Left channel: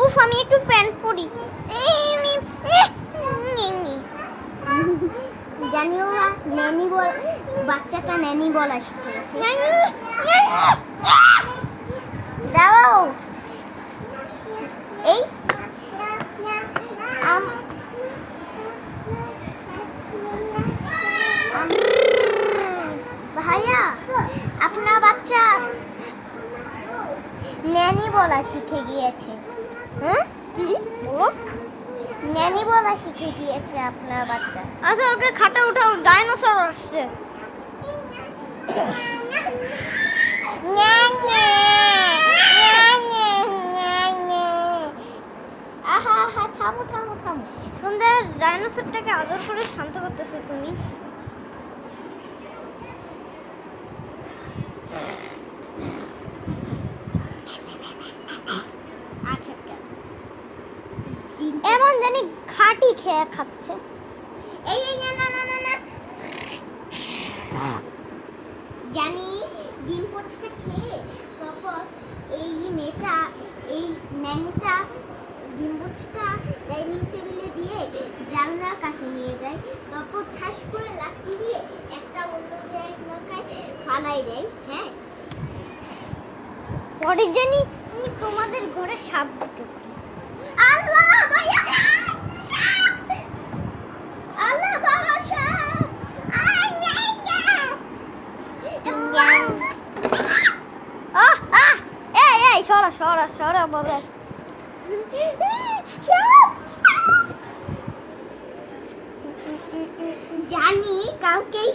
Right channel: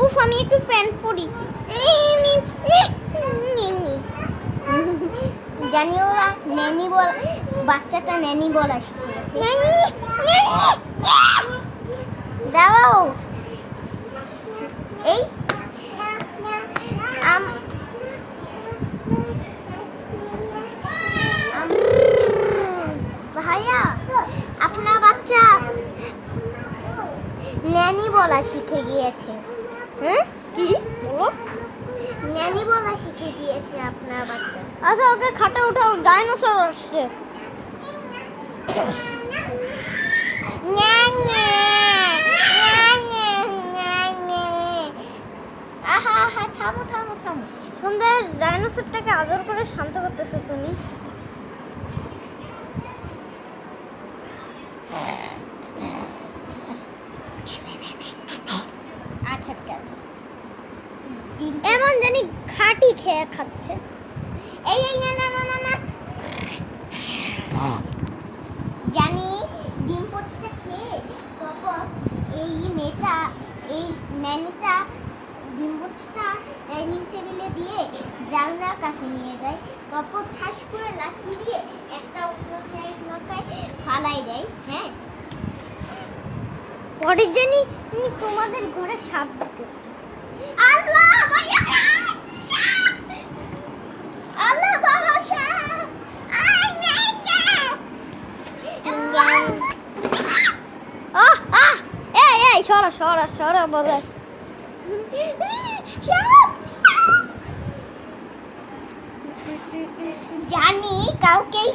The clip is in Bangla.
উফ আমি একটু প্যান্ট পরি। জানিও নেনি বল, বাচ্চাটা নেনি বলা শিখে গেছে। দাও এই ভাইয়া আপনার বাচ্চা নেনি বলা শিখে গিয়েছে। হ্যাঁ কি বলো? নেনি বলা শিখে গিয়েছে আপনার বাচ্চা। আচ্ছা ওকে খাটে উঠাও, ডাইনোসর আসছে। আহা আহা থামো থামো থামো। তোমাদের ডাইনোসরটাকে আদর করে শান্ত করতেছো তুমি। আচ্ছা ঠিক আছে। এমন জানি খাটি খেয়ে খাচ্ছে। এই এই না না না না না জানি ডিম পোচটা খেয়ে তারপর এই মেয়েটা এই ন্যানিটা ডিম পোচটা ডাইনিং টেবিলে দিয়ে জানলার কাছে নিয়ে যায়, তারপর ঠাস করে লাঠি দিয়ে একটা অন্য জায়গায় ফালাই দেয়। হ্যাঁ পরে জানি তুমি তোমাদের ঘরে সাপ দিতে। আল্লাহ ভাইয়া আল্লাহ বাবা সাপ আহ আহ এই এই সরা সরা সরা বলে। জানি কাউকেই